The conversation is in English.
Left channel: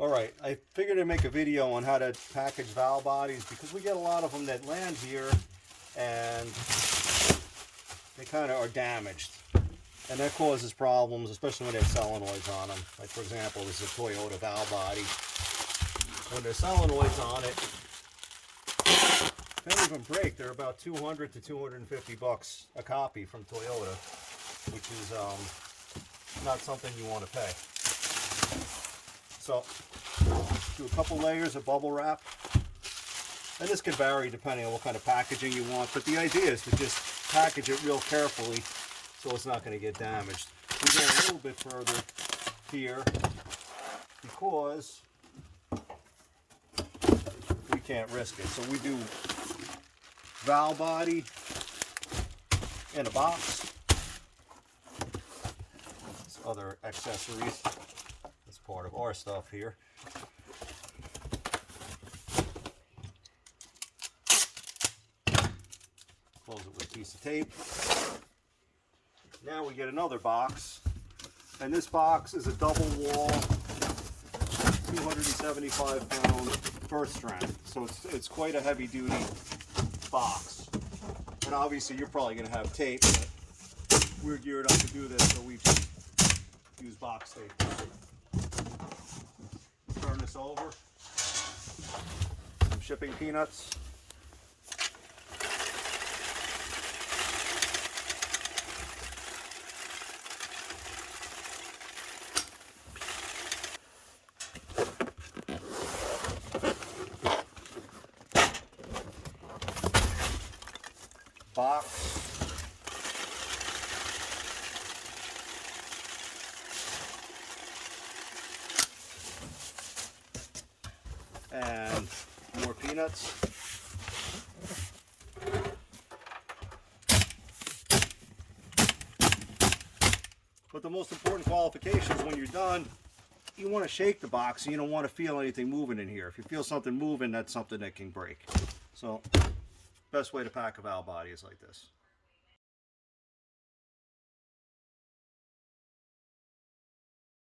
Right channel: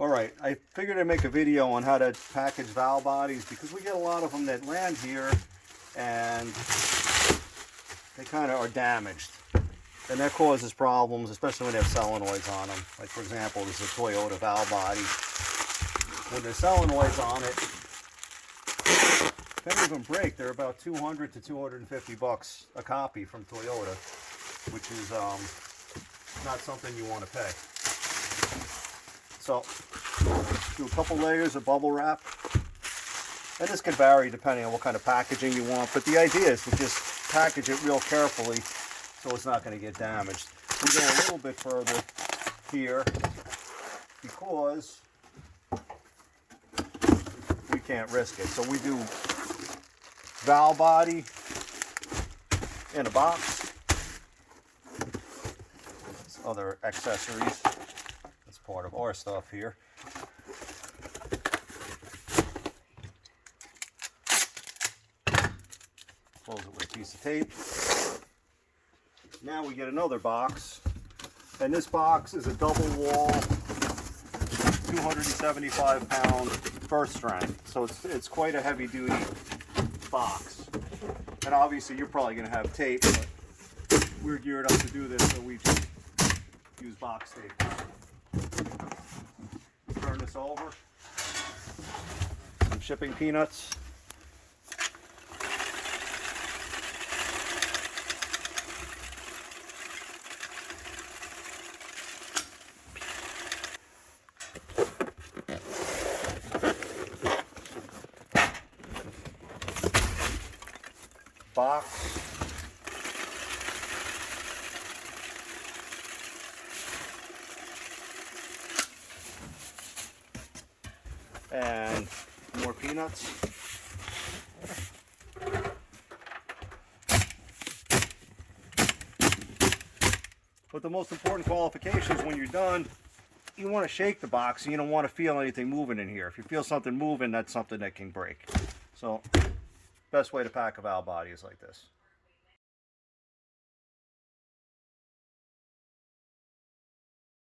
Alright, I figured I'd make a video on how to package valve bodies because we get a lot of them that land here and they kind of are damaged. And that causes problems, especially when they have solenoids on them. Like for example, this is a Toyota valve body. When there's solenoids on it, if any of them break, they're about 200 to 250 bucks a copy from Toyota, which is not something you want to pay. So, do a couple layers of bubble wrap. And this can vary depending on what kind of packaging you want, but the idea is to just package it real carefully so it's not going to get damaged. We go a little bit further here because we can't risk it. So we do valve body in a box. There's other accessories. That's part of our stuff here. Close it with a piece of tape. Now we get another box, and this box is a double wall, 275 pound first strength. So it's quite a heavy duty box. And obviously you're probably going to have tape, but we're geared up to do this, so we just use box tape. Turn this over. Some shipping peanuts. Box. And more peanuts. But the most important qualification is when you're done, you want to shake the box and you don't want to feel anything moving in here. If you feel something moving, that's something that can break. So, best way to pack a valve body is like this.